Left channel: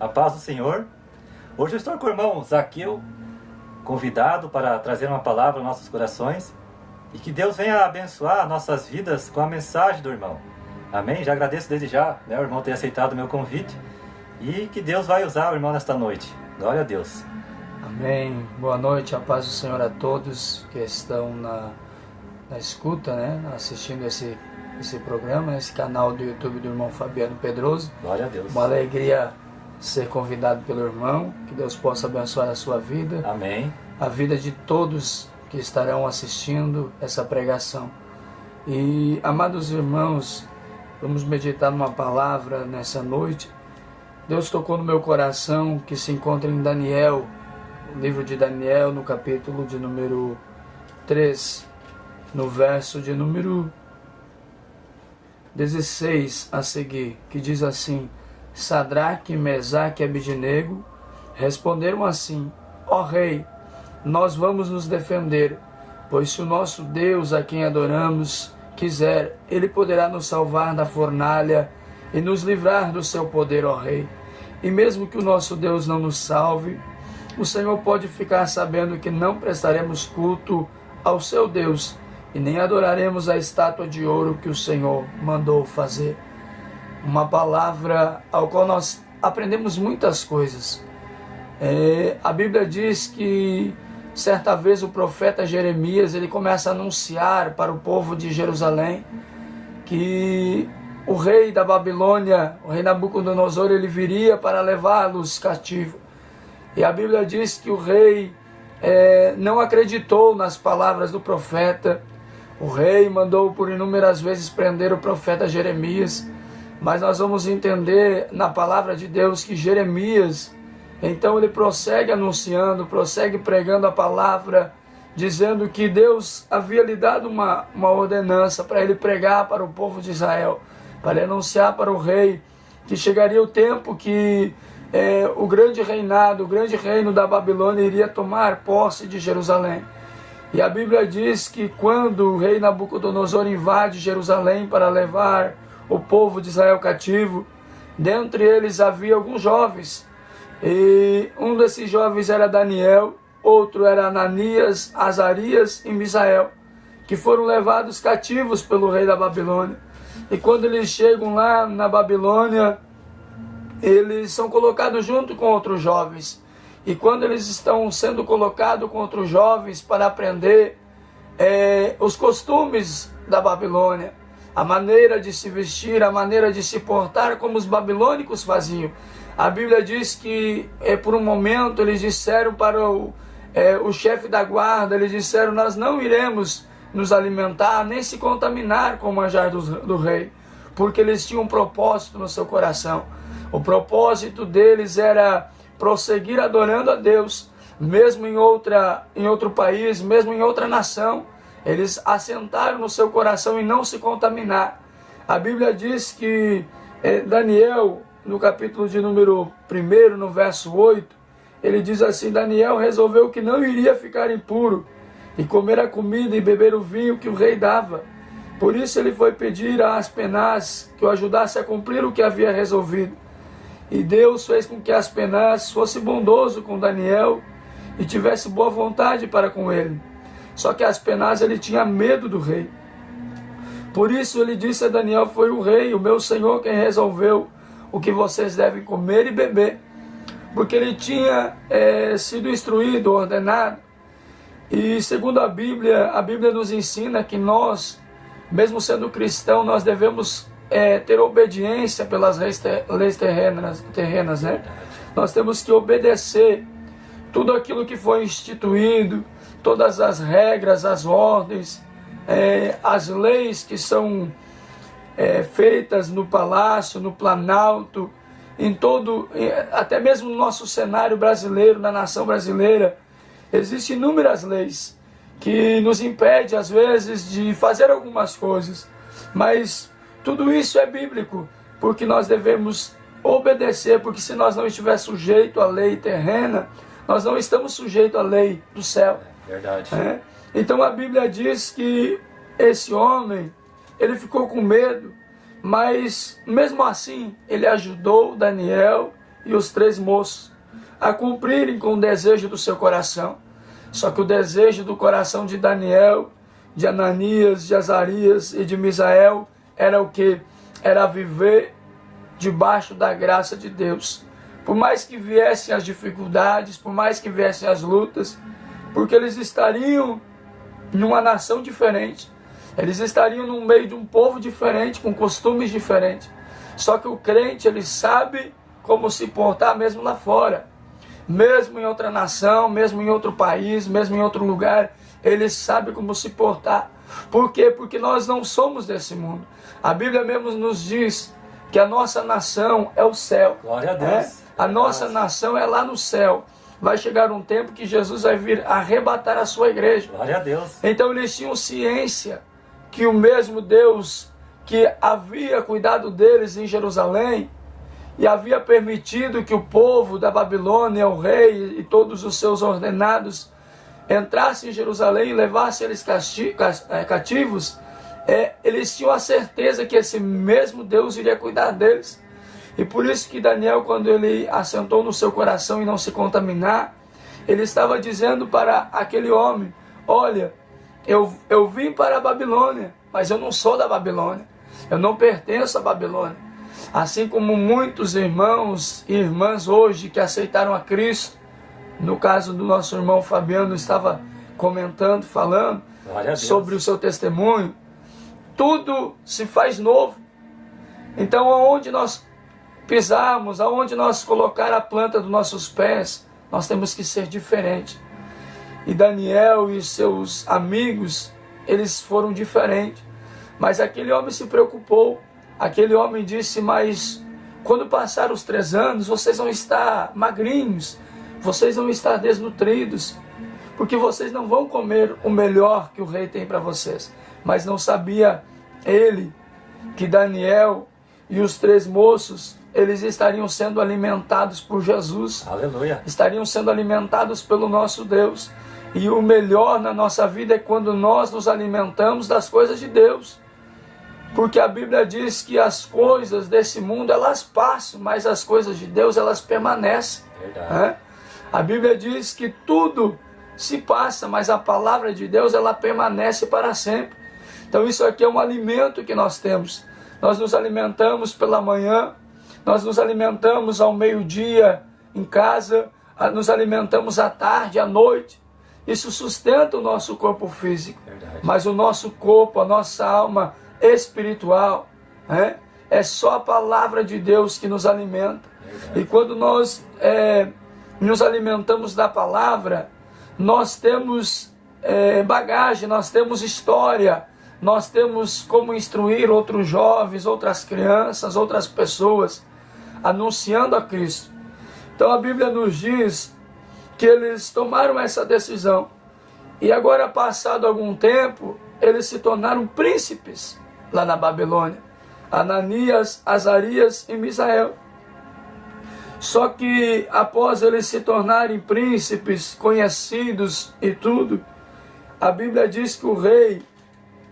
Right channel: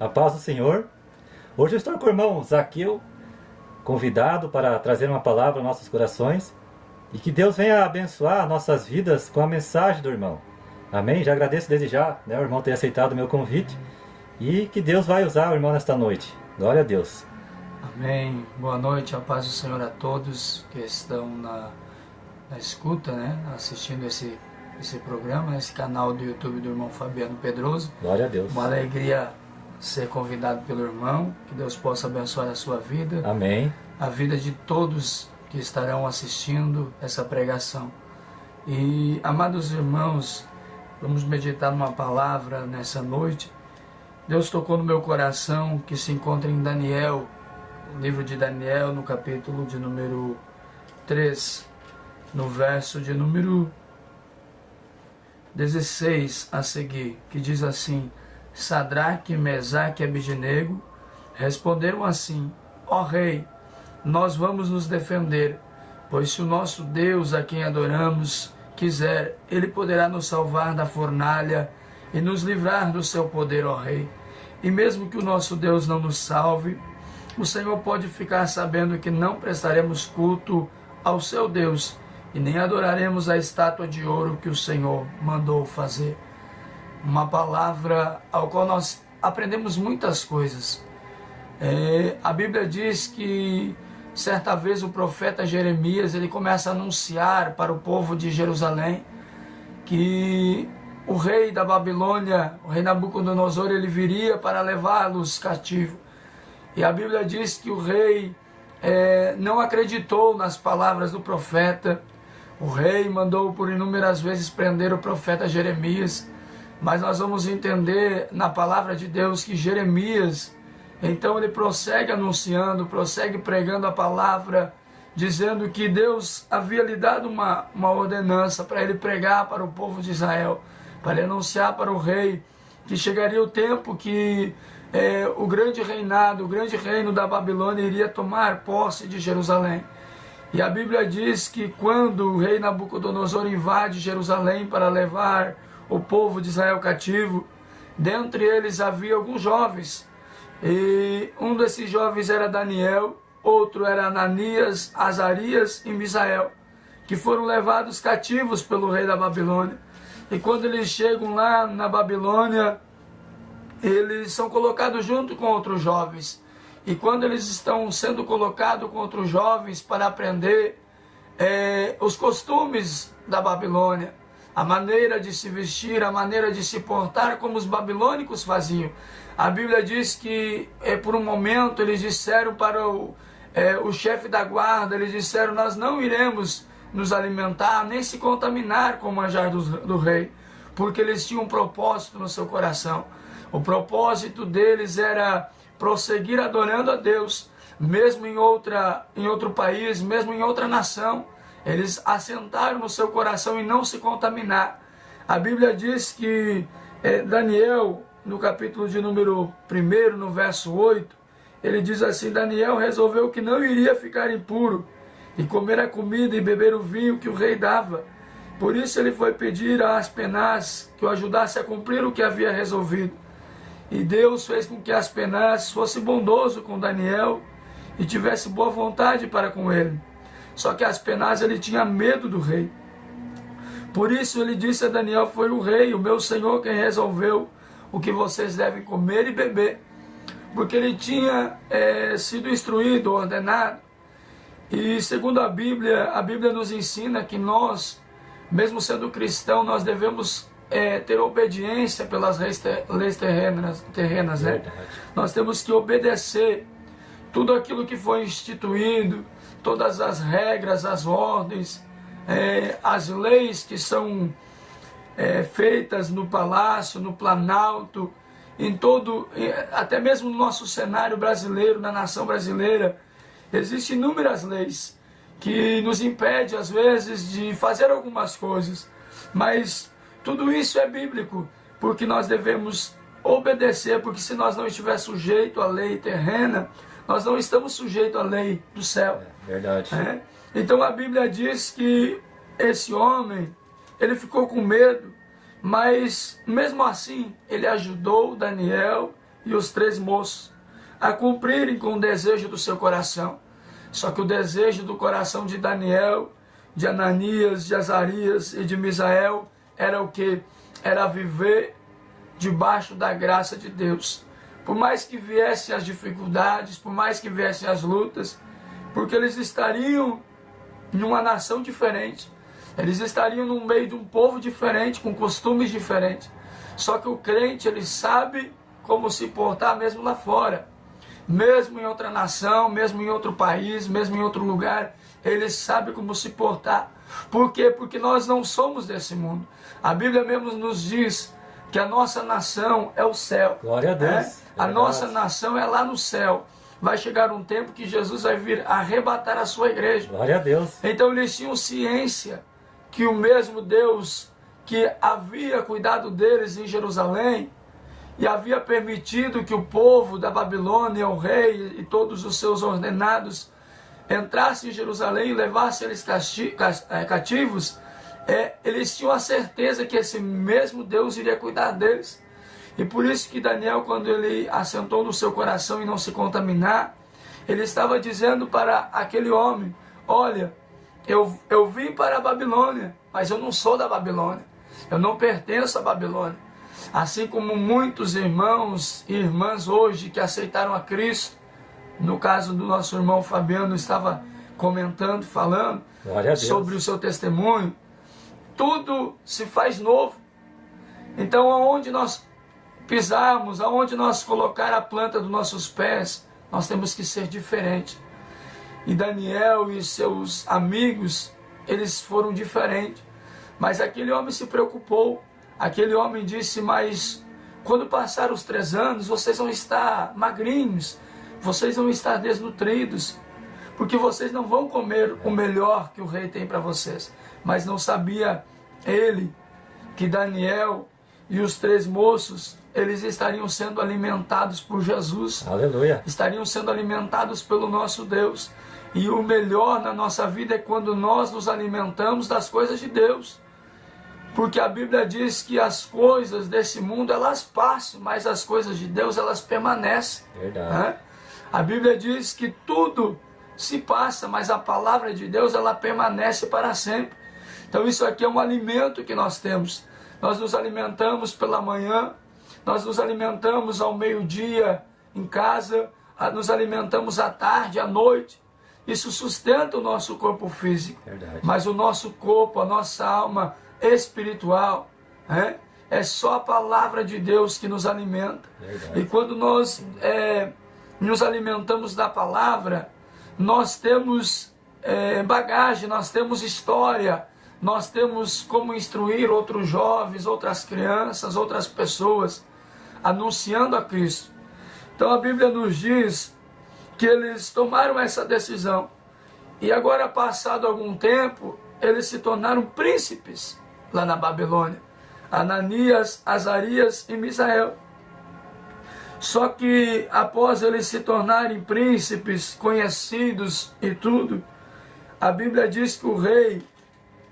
A paz do Senhor. Hoje eu estou com o irmão Zaqueu, convidado para trazer uma palavra aos nossos corações e que Deus venha abençoar nossas vidas com a mensagem do irmão. Amém? Já agradeço desde já, o irmão ter aceitado o meu convite e que Deus vai usar o irmão nesta noite. Glória a Deus. Amém. Boa noite, a paz do Senhor a todos que estão na escuta, assistindo esse programa, esse canal do YouTube do irmão Fabiano Pedroso. Glória a Deus. Uma alegria ser convidado pelo irmão, que Deus possa abençoar a sua vida. Amém. A vida de todos que estarão assistindo essa pregação. E, amados irmãos, vamos meditar numa palavra nessa noite. Deus tocou no meu coração que se encontra em Daniel, o livro de Daniel, no capítulo de número 3, no verso de número 16 a seguir, que diz assim: Sadraque, Mesaque e Abednego responderam assim: Ó Rei, nós vamos nos defender, pois se o nosso Deus, a quem adoramos, quiser, Ele poderá nos salvar da fornalha e nos livrar do seu poder, ó Rei. E mesmo que o nosso Deus não nos salve, o Senhor pode ficar sabendo que não prestaremos culto ao seu Deus e nem adoraremos a estátua de ouro que o Senhor mandou fazer. Uma palavra ao qual nós aprendemos muitas coisas. A Bíblia diz que certa vez o profeta Jeremias ele começa a anunciar para o povo de Jerusalém que o rei da Babilônia, o rei Nabucodonosor, ele viria para levá-los cativo. E a Bíblia diz que o rei não acreditou nas palavras do profeta. O rei mandou por inúmeras vezes prender o profeta Jeremias. Mas nós vamos entender na palavra de Deus que Jeremias, então ele prossegue anunciando, prossegue pregando a palavra, dizendo que Deus havia lhe dado uma ordenança para ele pregar para o povo de Israel, para anunciar para o rei que chegaria o tempo que o grande reinado, o grande reino da Babilônia iria tomar posse de Jerusalém. E a Bíblia diz que quando o rei Nabucodonosor invade Jerusalém para levar o povo de Israel cativo, dentre eles havia alguns jovens, e um desses jovens era Daniel, outro era Ananias, Azarias e Misael, que foram levados cativos pelo rei da Babilônia. E quando eles chegam lá na Babilônia, eles são colocados junto com outros jovens. E quando eles estão sendo colocados com outros jovens para aprender os costumes da Babilônia, a maneira de se vestir, a maneira de se portar como os babilônicos faziam. A Bíblia diz que por um momento eles disseram para o chefe da guarda, eles disseram: nós não iremos nos alimentar, nem se contaminar com o manjar do rei, porque eles tinham um propósito no seu coração. O propósito deles era prosseguir adorando a Deus, mesmo em outro país, mesmo em outra nação. Eles assentaram no seu coração em não se contaminar. A Bíblia diz que Daniel, no capítulo de número 1, no verso 8, ele diz assim: Daniel resolveu que não iria ficar impuro e comer a comida e beber o vinho que o rei dava. Por isso ele foi pedir a Aspenaz que o ajudasse a cumprir o que havia resolvido. E Deus fez com que Aspenaz fosse bondoso com Daniel e tivesse boa vontade para com ele. Só que Aspenaz ele tinha medo do rei. Por isso ele disse a Daniel: foi o rei, o meu senhor, quem resolveu o que vocês devem comer e beber. Porque ele tinha sido instruído, ordenado. E segundo a Bíblia nos ensina que nós, mesmo sendo cristão, nós devemos ter obediência pelas leis terrenas, né? Nós temos que obedecer tudo aquilo que foi instituído, todas as regras, as ordens, as leis que são feitas no palácio, no planalto, em todo, até mesmo no nosso cenário brasileiro, na nação brasileira, existem inúmeras leis que nos impedem, às vezes, de fazer algumas coisas, mas tudo isso é bíblico, porque nós devemos obedecer, porque se nós não estivermos sujeitos à lei terrena, nós não estamos sujeitos à lei do céu. Verdade. Então a Bíblia diz que esse homem, ele ficou com medo, mas mesmo assim ele ajudou Daniel e os 3 moços a cumprirem com o desejo do seu coração. Só que o desejo do coração de Daniel, de Ananias, de Azarias e de Misael era o que? Era viver debaixo da graça de Deus. Por mais que viessem as dificuldades, por mais que viessem as lutas, porque eles estariam em uma nação diferente, eles estariam no meio de um povo diferente, com costumes diferentes. Só que o crente, ele sabe como se portar mesmo lá fora. Mesmo em outra nação, mesmo em outro país, mesmo em outro lugar, ele sabe como se portar. Por quê? Porque nós não somos desse mundo. A Bíblia mesmo nos diz que a nossa nação é o céu. Glória a Deus. A nossa nação é lá no céu. Vai chegar um tempo que Jesus vai vir arrebatar a sua igreja. Glória a Deus. Então eles tinham ciência que o mesmo Deus que havia cuidado deles em Jerusalém e havia permitido que o povo da Babilônia, o rei e todos os seus ordenados entrassem em Jerusalém e levassem eles cativos, eles tinham a certeza que esse mesmo Deus iria cuidar deles. E por isso que Daniel, quando ele assentou no seu coração em não se contaminar, ele estava dizendo para aquele homem: olha, eu vim para a Babilônia, mas eu não sou da Babilônia, eu não pertenço à Babilônia. Assim como muitos irmãos e irmãs hoje que aceitaram a Cristo, no caso do nosso irmão Fabiano estava comentando, falando sobre o seu testemunho, tudo se faz novo. Então, aonde nós pisarmos, aonde nós colocar a planta dos nossos pés, nós temos que ser diferentes. E Daniel e seus amigos, eles foram diferentes. Mas aquele homem se preocupou. Aquele homem disse: mas quando passar os 3 anos, vocês vão estar magrinhos, vocês vão estar desnutridos, porque vocês não vão comer o melhor que o rei tem para vocês. Mas não sabia ele que Daniel e os 3 moços, eles estariam sendo alimentados por Jesus. Aleluia. Estariam sendo alimentados pelo nosso Deus. E o melhor na nossa vida é quando nós nos alimentamos das coisas de Deus. Porque a Bíblia diz que as coisas desse mundo, elas passam, mas as coisas de Deus, elas permanecem. Verdade. A Bíblia diz que tudo se passa, mas a palavra de Deus, ela permanece para sempre. Então isso aqui é um alimento que nós temos. Nós nos alimentamos pela manhã, nós nos alimentamos ao meio-dia em casa, nos alimentamos à tarde, à noite. Isso sustenta o nosso corpo físico. Verdade. Mas o nosso corpo, a nossa alma espiritual, é só a palavra de Deus que nos alimenta. Verdade. E quando nós nos alimentamos da palavra, nós temos bagagem, nós temos história, nós temos como instruir outros jovens, outras crianças, outras pessoas, anunciando a Cristo. Então a Bíblia nos diz que eles tomaram essa decisão. E agora, passado algum tempo, eles se tornaram príncipes lá na Babilônia. Ananias, Azarias e Misael. Só que após eles se tornarem príncipes, conhecidos e tudo, a Bíblia diz que o rei,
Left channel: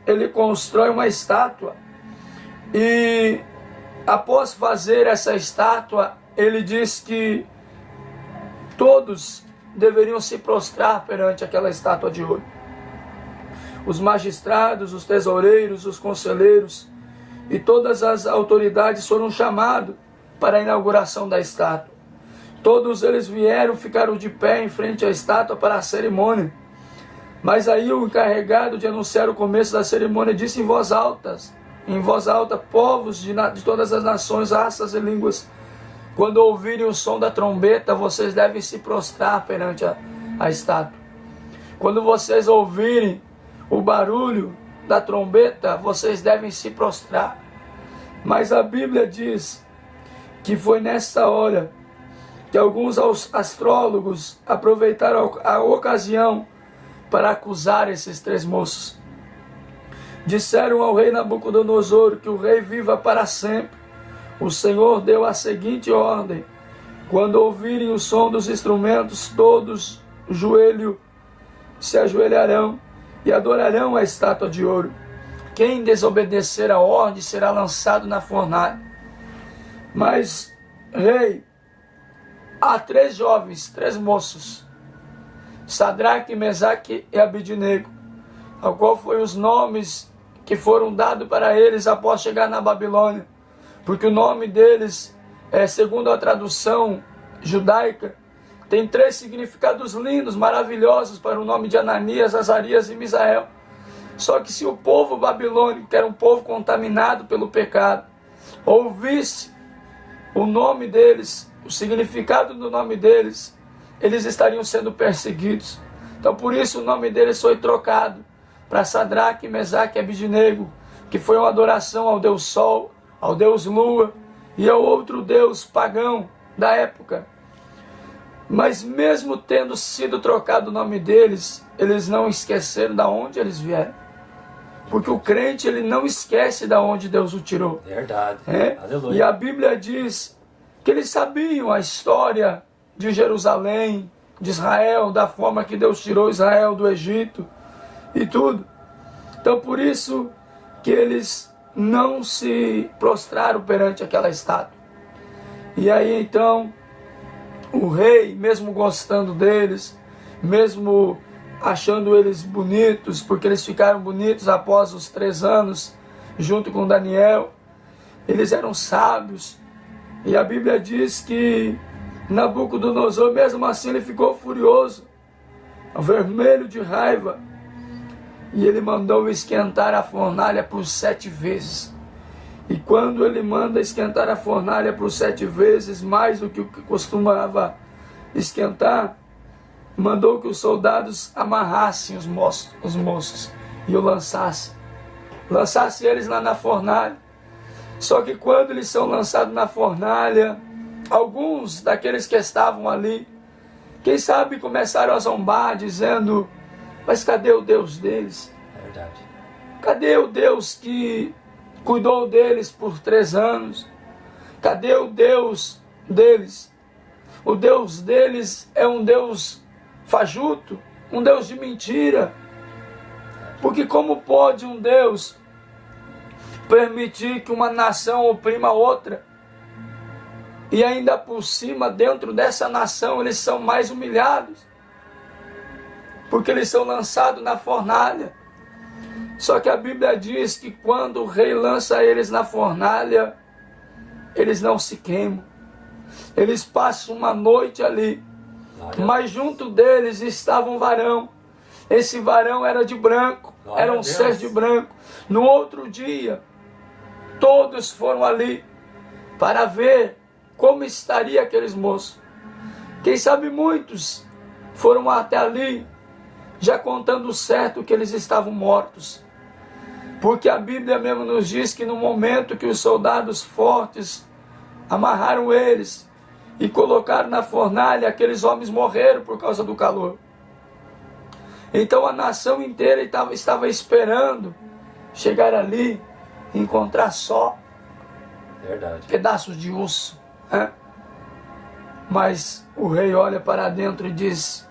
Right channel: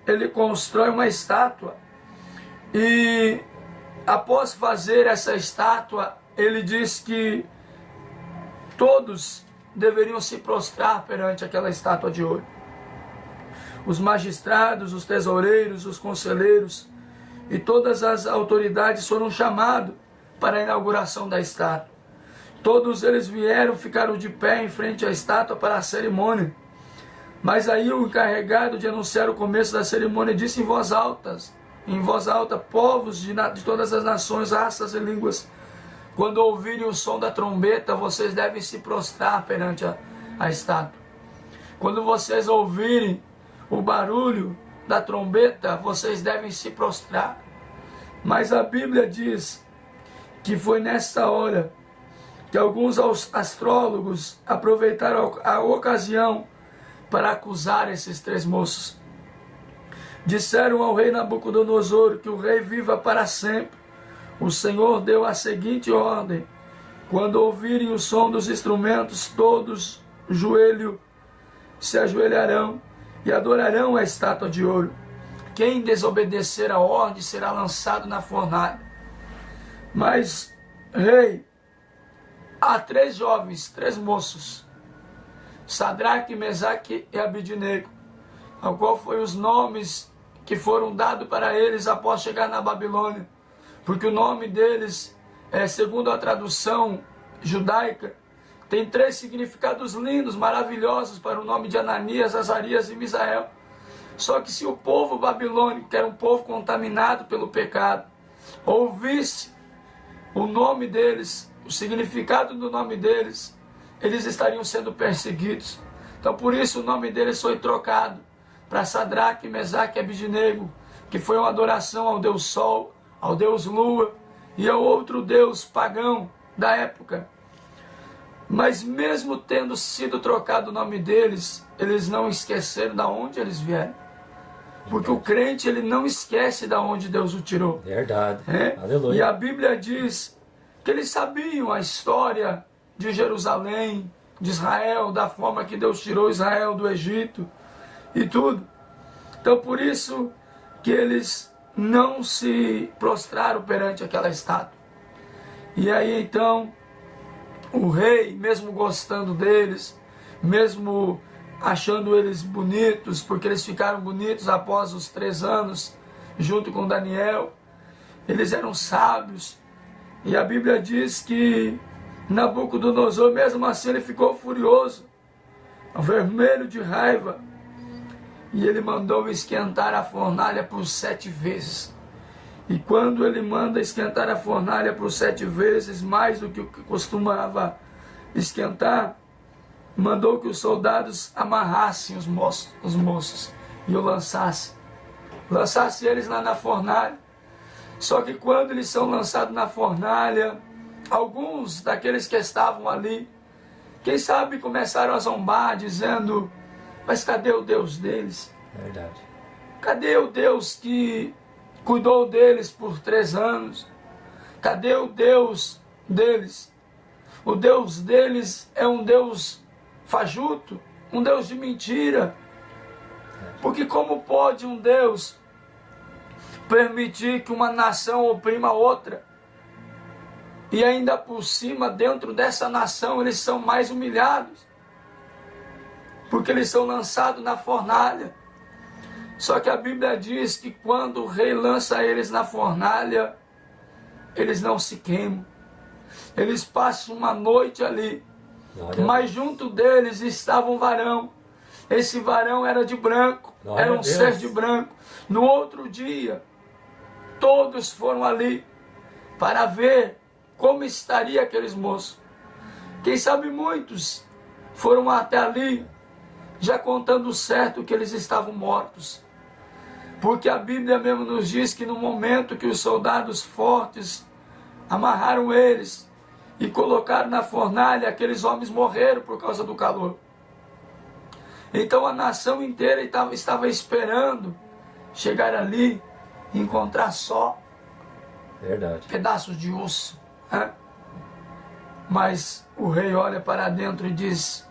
ele constrói uma estátua. E após fazer essa estátua, ele diz que todos deveriam se prostrar perante aquela estátua de ouro. Os magistrados, os tesoureiros, os conselheiros e todas as autoridades foram chamados para a inauguração da estátua. Todos eles vieram, ficaram de pé em frente à estátua para a cerimônia. Mas aí o encarregado de anunciar o começo da cerimônia disse em voz alta, povos de todas as nações, raças e línguas, quando ouvirem o som da trombeta, vocês devem se prostrar perante a estátua. Quando vocês ouvirem o barulho da trombeta, vocês devem se prostrar. Mas a Bíblia diz que foi nessa hora que alguns astrólogos aproveitaram a ocasião para acusar esses 3 moços. Disseram ao rei Nabucodonosor que o rei viva para sempre. O Senhor deu a seguinte ordem: quando ouvirem o som dos instrumentos, todos se ajoelharão e adorarão a estátua de ouro. Quem desobedecer a ordem será lançado na fornalha. Mas, rei, há 3 jovens, 3 moços, Sadraque, Mesaque e Abidnego, ao qual foi os nomes que foram dados para eles após chegar na Babilônia, porque o nome deles, segundo a tradução judaica, tem 3 significados lindos, maravilhosos para o nome de Ananias, Azarias e Misael. Só que se o povo babilônico, que era um povo contaminado pelo pecado, ouvisse o nome deles, o significado do nome deles, eles estariam sendo perseguidos. Então por isso o nome deles foi trocado para Sadraque, Mesaque e Abidnego, que foi uma adoração ao Deus Sol, ao Deus Lua e ao outro Deus pagão da época. Mas mesmo tendo sido trocado o nome deles, eles não esqueceram de onde eles vieram. Porque o crente, ele não esquece de onde Deus o tirou. Verdade. Aleluia. E a Bíblia diz que eles sabiam a história de Jerusalém, de Israel, da forma que Deus tirou Israel do Egito e tudo. Então por isso que eles não se prostraram perante aquela estátua. E aí então o rei, mesmo gostando deles, mesmo achando eles bonitos, porque eles ficaram bonitos após os 3 anos, junto com Daniel, eles eram sábios, e a Bíblia diz que Nabucodonosor, mesmo assim, ele ficou furioso, vermelho de raiva, e ele mandou esquentar a fornalha por 7 vezes. E quando ele manda esquentar a fornalha por 7 vezes, mais do que o que costumava esquentar, mandou que os soldados amarrassem os moços e o lançassem eles lá na fornalha. Só que quando eles são lançados na fornalha, alguns daqueles que estavam ali, quem sabe começaram a zombar, dizendo: mas cadê o Deus deles? Verdade. Cadê o Deus que cuidou deles por 3 anos? Cadê o Deus deles? O Deus deles é um Deus fajuto, um Deus de mentira. Porque como pode um Deus permitir que uma nação oprima outra? E ainda por cima, dentro dessa nação, eles são mais humilhados, porque eles são lançados na fornalha. Só que a Bíblia diz que quando o rei lança eles na fornalha, eles não se queimam. Eles passam uma noite ali. Mas junto deles estava um varão. Esse varão era de branco, era um ser de branco. No outro dia, todos foram ali para ver como estaria aqueles moços. Quem sabe muitos foram até ali, já contando certo que eles estavam mortos. Porque a Bíblia mesmo nos diz que no momento que os soldados fortes amarraram eles e colocaram na fornalha, aqueles homens morreram por causa do calor. Então a nação inteira estava esperando chegar ali e encontrar só pedaços de osso. Mas o rei olha para dentro e diz:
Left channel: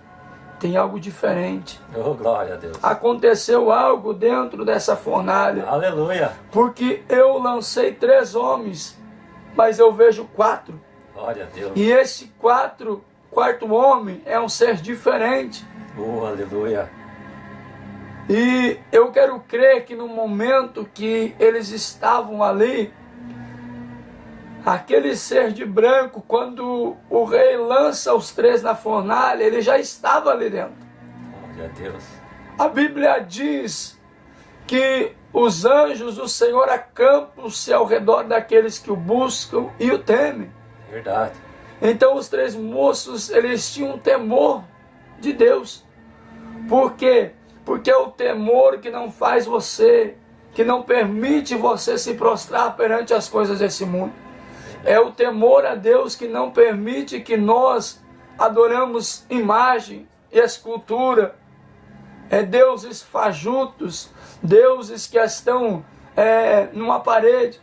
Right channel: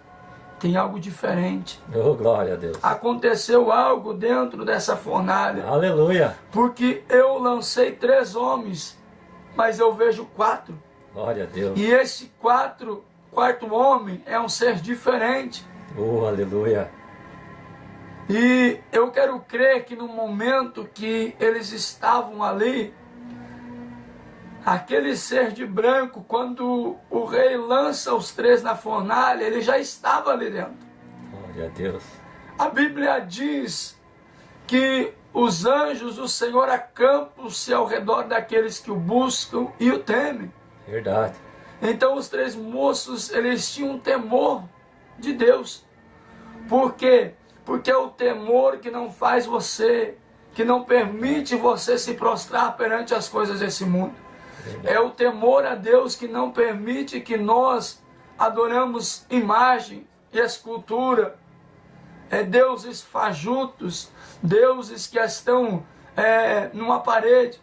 tem algo diferente. Oh, glória a Deus. Aconteceu algo dentro dessa fornalha. Aleluia. Porque eu lancei 3 homens, mas eu vejo 4. Glória a Deus. E esse quarto homem é um ser diferente. Oh, aleluia. E eu quero crer que no momento que eles estavam ali, aquele ser de branco, quando o rei lança os 3 na fornalha, ele já estava ali dentro. Glória a Deus. A Bíblia diz que os anjos do Senhor acampam-se ao redor daqueles que o buscam e o temem. Verdade. Então os 3 moços, eles tinham temor de Deus. Por quê? Porque é o temor que não faz você, que não permite você se prostrar perante as coisas desse mundo. É o temor a Deus que não permite que nós adoramos imagem e escultura. É deuses fajutos, deuses que estão numa parede.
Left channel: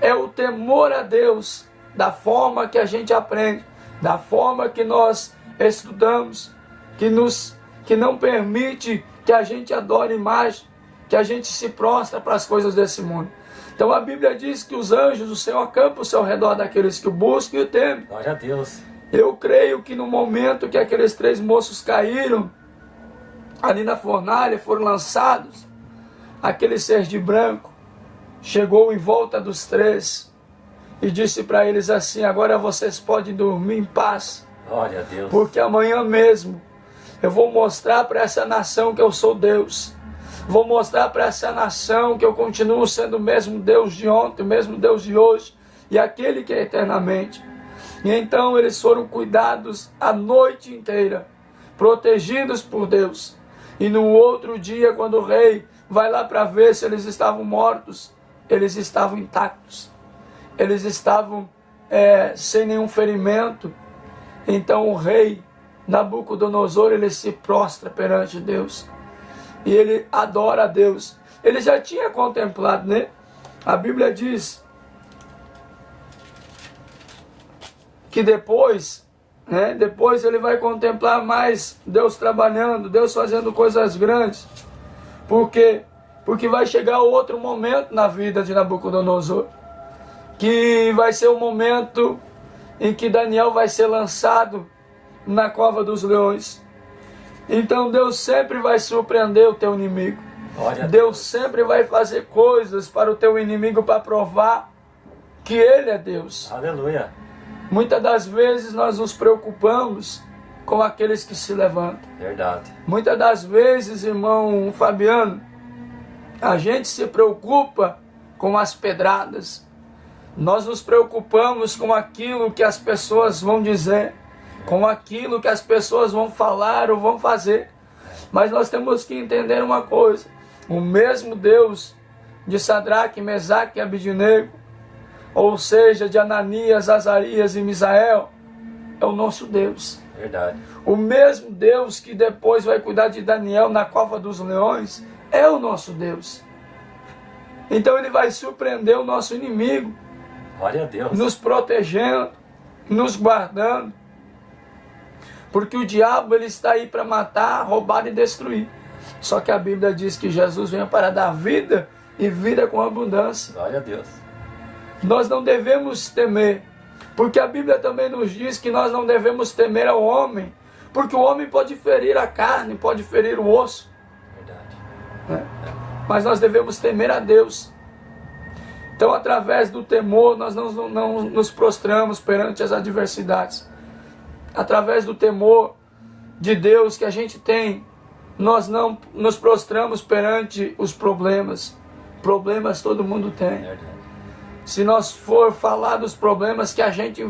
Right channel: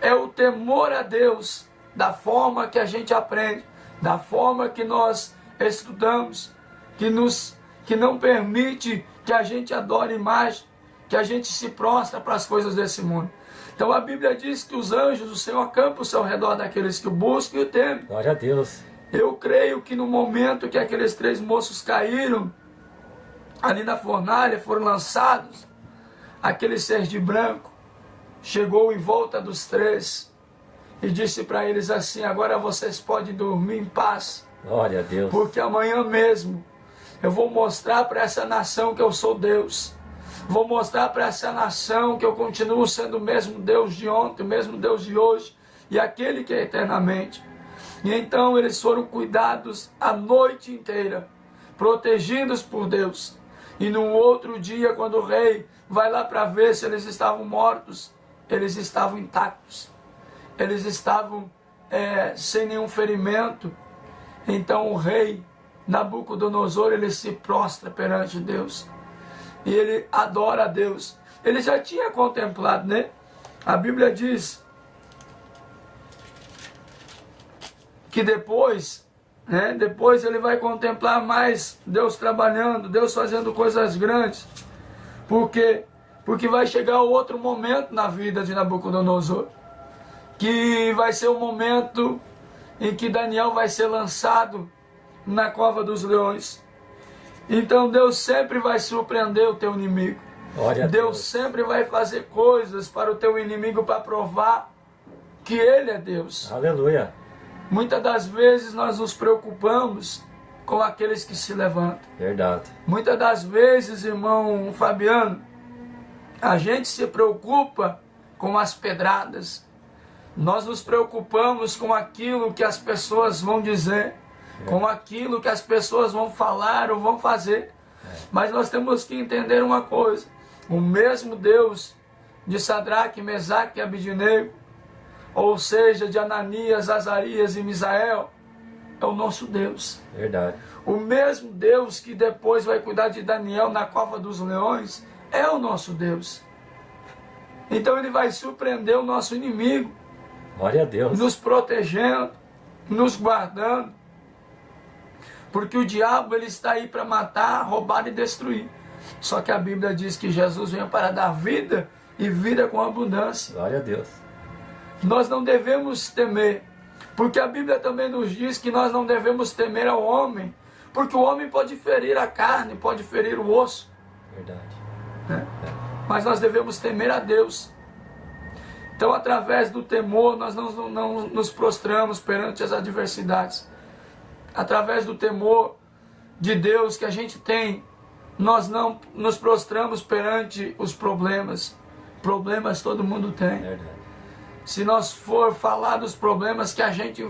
É o temor a Deus, da forma que a gente aprende, da forma que nós estudamos, que não permite que a gente adore imagem, que a gente se prostra para as coisas desse mundo. Então a Bíblia diz que os anjos do Senhor acampam-se ao redor daqueles que o buscam e o temem. Glória a Deus. Eu creio que no momento que aqueles 3 moços caíram, ali na fornalha, foram lançados, aquele ser de branco chegou em volta dos 3 e disse para eles assim: agora vocês podem dormir em paz. Glória a Deus. Porque amanhã mesmo eu vou mostrar para essa nação que eu sou Deus. Vou mostrar para essa nação que eu continuo sendo o mesmo Deus de ontem, o mesmo Deus de hoje e aquele que é eternamente. E então eles foram cuidados a noite inteira, protegidos por Deus. E no outro dia, quando o rei vai lá para ver se eles estavam mortos, eles estavam intactos. Eles estavam sem nenhum ferimento. Então o rei Nabucodonosor, ele se prostra perante Deus. E ele adora a Deus. Ele já tinha contemplado, né? A Bíblia diz que depois ele vai contemplar mais Deus trabalhando, Deus fazendo coisas grandes. Porque vai chegar outro momento na vida de Nabucodonosor, que vai ser o momento em que Daniel vai ser lançado na cova dos leões. Então Deus sempre vai surpreender o teu inimigo. Deus sempre vai fazer coisas para o teu inimigo para provar que Ele é Deus. Aleluia. Muitas das vezes nós nos preocupamos com aqueles que se levantam. Verdade. Muitas das vezes, irmão Fabiano, a gente se preocupa com as pedradas. Nós nos preocupamos com aquilo que as pessoas vão dizer, com aquilo que as pessoas vão falar ou vão fazer. Mas nós temos que entender uma coisa: o mesmo Deus de Sadraque, Mesaque e Abidnego, ou seja, de Ananias, Azarias e Misael, é o nosso Deus. Verdade. O mesmo Deus que depois vai cuidar de Daniel na cova dos leões é o nosso Deus. Então ele vai surpreender o nosso inimigo. Glória a Deus. Nos protegendo, nos guardando. Porque o diabo ele está aí para matar, roubar e destruir. Só que a Bíblia diz que Jesus veio para dar vida e vida com abundância. Glória a Deus. Nós não devemos temer, porque a Bíblia também nos diz que nós não devemos temer ao homem, porque o homem pode ferir a carne, pode ferir o osso. Verdade. Mas nós devemos temer a Deus. Então, através do temor, nós não nos prostramos perante as adversidades. Através do temor de Deus que a gente tem, nós não nos prostramos perante os problemas. Problemas todo mundo tem. Verdade. Se nós for falar dos problemas que a gente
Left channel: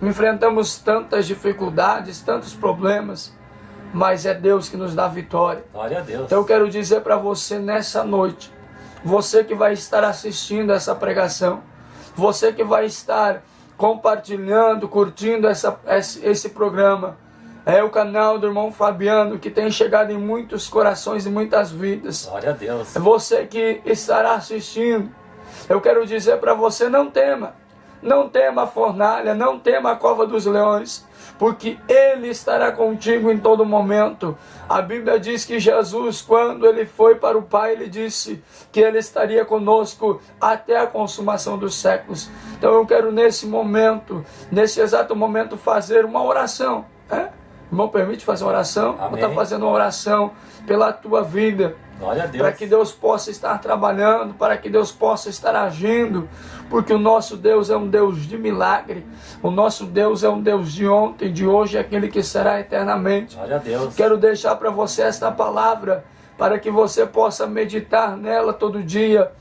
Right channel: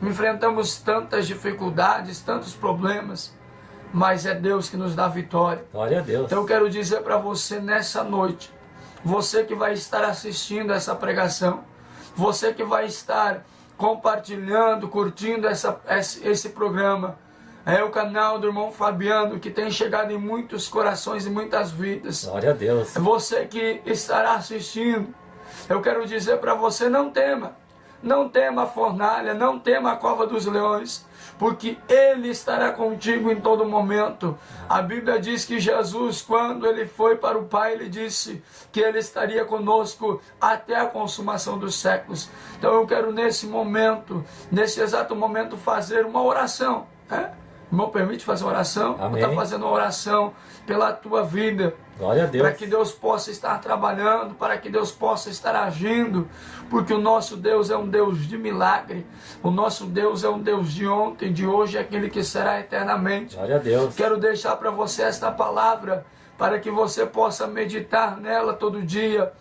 enfrentamos tantas dificuldades, tantos problemas, mas é Deus que nos dá vitória. Glória a Deus. Então eu quero dizer para você nessa noite, você que vai estar assistindo essa pregação, você que vai estar compartilhando, curtindo esse programa, é o canal do irmão Fabiano, que tem chegado em muitos corações e muitas vidas. Glória a Deus. É você que estará assistindo. Eu quero dizer para você, não tema a fornalha, não tema a cova dos leões, porque Ele estará contigo em todo momento. A Bíblia diz que Jesus, quando Ele foi para o Pai, Ele disse que Ele estaria conosco até a consumação dos séculos. Então eu quero nesse exato momento, fazer uma oração. Irmão, permite fazer uma oração? Amém. Eu estou fazendo uma oração pela tua vida. Glória a Deus. Para que Deus possa estar trabalhando, para que Deus possa estar agindo, porque o nosso Deus é um Deus de milagre, o nosso Deus é um Deus de ontem, de hoje, aquele que será eternamente. Glória a Deus. Quero deixar para você esta palavra, para que você possa meditar nela todo dia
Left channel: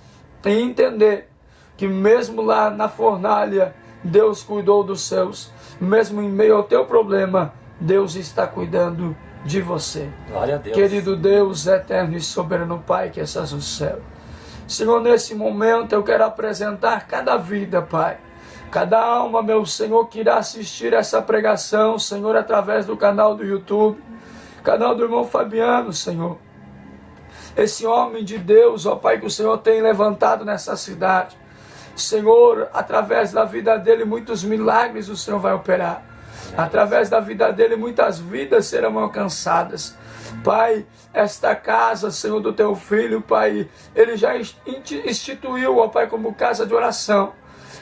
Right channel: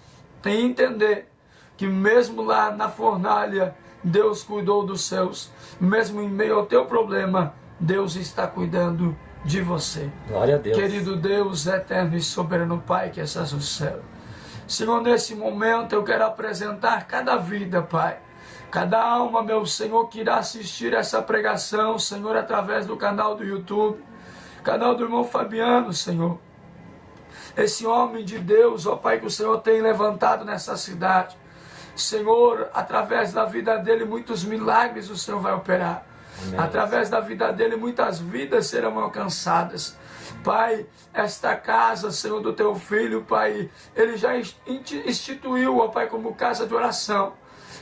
e entender que mesmo lá na fornalha, Deus cuidou dos seus, mesmo em meio ao teu problema, Deus está cuidando de você. Glória a Deus. Querido Deus, eterno e soberano Pai que estás no céu. Senhor, nesse momento eu quero apresentar cada vida, Pai. Cada alma, meu Senhor, que irá assistir essa pregação, Senhor, através do canal do YouTube, canal do irmão Fabiano, Senhor. Esse homem de Deus, ó Pai, que o Senhor tem levantado nessa cidade. Senhor, através da vida dele, muitos milagres o Senhor vai operar. Através da vida dele, muitas vidas serão alcançadas. Pai, esta casa, Senhor, do teu filho, Pai, ele já instituiu, ó Pai, como casa de oração.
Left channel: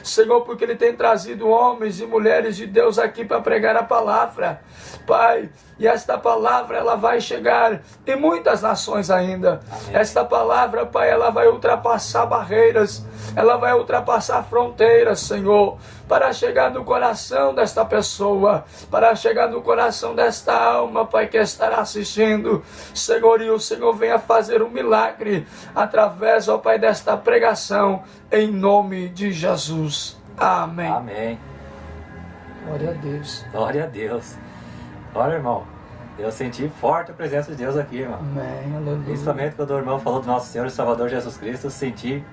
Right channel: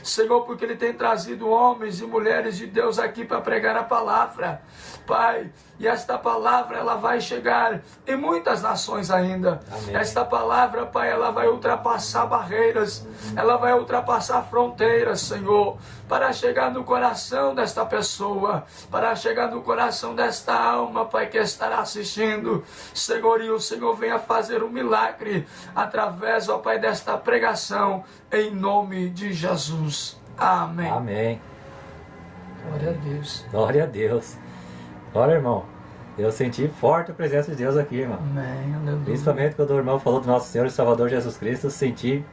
Senhor, porque Ele tem trazido homens e mulheres de Deus aqui para pregar a palavra, Pai. E esta palavra, ela vai chegar em muitas nações ainda. Amém. Esta palavra, Pai, ela vai ultrapassar barreiras, ela vai ultrapassar fronteiras, Senhor, para chegar no coração desta pessoa, para chegar no coração desta alma, Pai, que estará assistindo, Senhor, e o Senhor venha fazer um milagre através, ó Pai, desta pregação, em nome de Jesus. Amém. Amém. Glória a Deus. Glória a Deus. Olha, irmão, eu senti forte a presença de Deus aqui, irmão. Amém, aleluia. Principalmente quando o irmão falou do nosso Senhor e Salvador Jesus Cristo, eu senti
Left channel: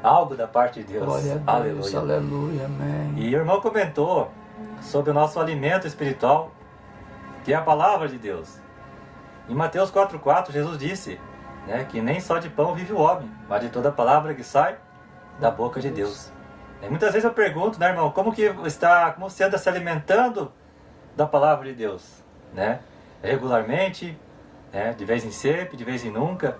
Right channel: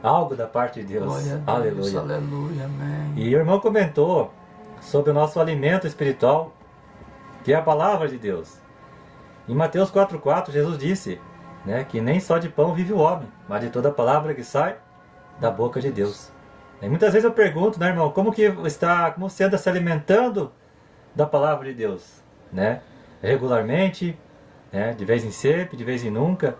algo da parte de Deus. Glória a Deus, aleluia. Aleluia, amém. E o irmão comentou sobre o nosso alimento espiritual, que é a palavra de Deus. Em Mateus 4,4, Jesus disse, né, que nem só de pão vive o homem, mas de toda palavra que sai da boca de Deus. E muitas vezes eu pergunto, né, irmão, como você anda se alimentando da palavra de Deus, né? Regularmente, né? De vez em sempre, de vez em nunca.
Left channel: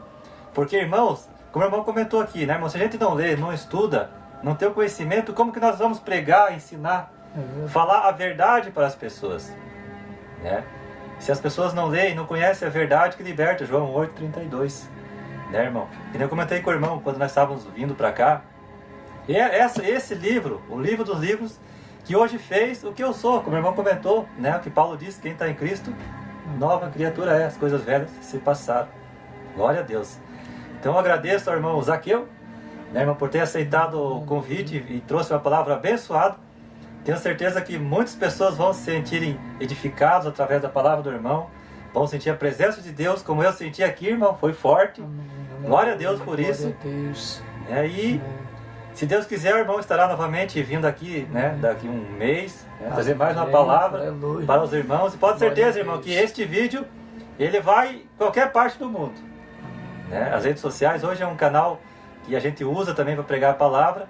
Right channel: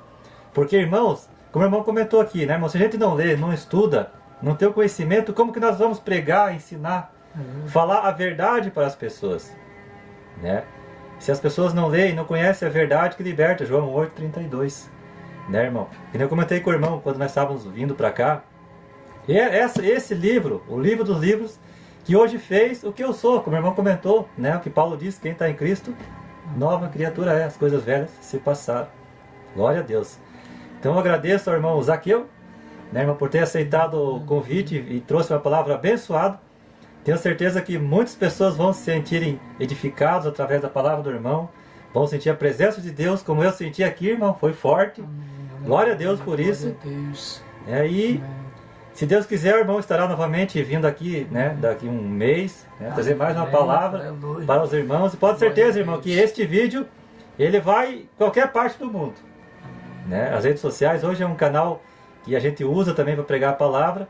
Porque, irmãos, como o irmão comentou aqui, né, irmão, se a gente não lê, não estuda, não tem o conhecimento, como que nós vamos pregar, ensinar, falar a verdade para as pessoas, né? Se as pessoas não leem, não conhecem a verdade que liberta, João 8,32, né, irmão? Que nem eu comentei com o irmão quando nós estávamos vindo para cá. E é esse livro, o livro dos livros, que hoje fez o que eu sou, como o irmão comentou, né? O que Paulo disse, quem está em Cristo, nova criatura é, as coisas velhas se passaram. Glória a Deus. Então eu agradeço ao irmão Zaqueu, né, irmão, por ter aceitado o convite e trouxe uma palavra abençoada. Tenho certeza que muitas pessoas vão se sentirem edificados através da palavra do irmão, vão sentir a presença de Deus, como eu senti aqui, irmão, foi forte. Glória a Deus por isso. E se Deus quiser, o irmão estará novamente vindo aqui, né, daqui um mês, né, trazer mais uma palavra para os irmãos. E pode ter certeza, irmão, que este vídeo, ele vai em qualquer parte do mundo. Né? As redes sociais hoje é um canal que a gente usa também para pregar a palavra,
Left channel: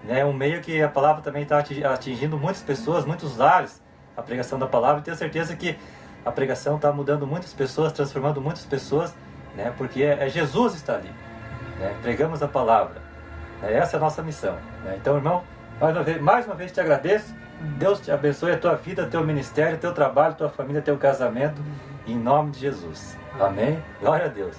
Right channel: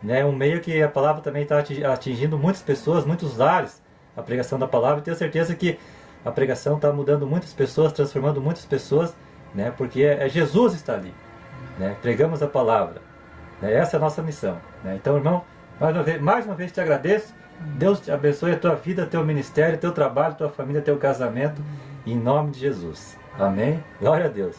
né, um meio que a palavra também está atingindo muitas pessoas, muitos lares, a pregação da palavra. E tenho certeza que a pregação está mudando muitas pessoas, transformando muitas pessoas, né, porque Jesus está ali, né, pregamos a palavra. Essa é a nossa missão, né? Então, irmão, mais uma vez te agradeço. Deus te abençoe a tua vida, teu ministério, teu trabalho, tua família, teu casamento, em nome de Jesus. Amém? Glória a Deus.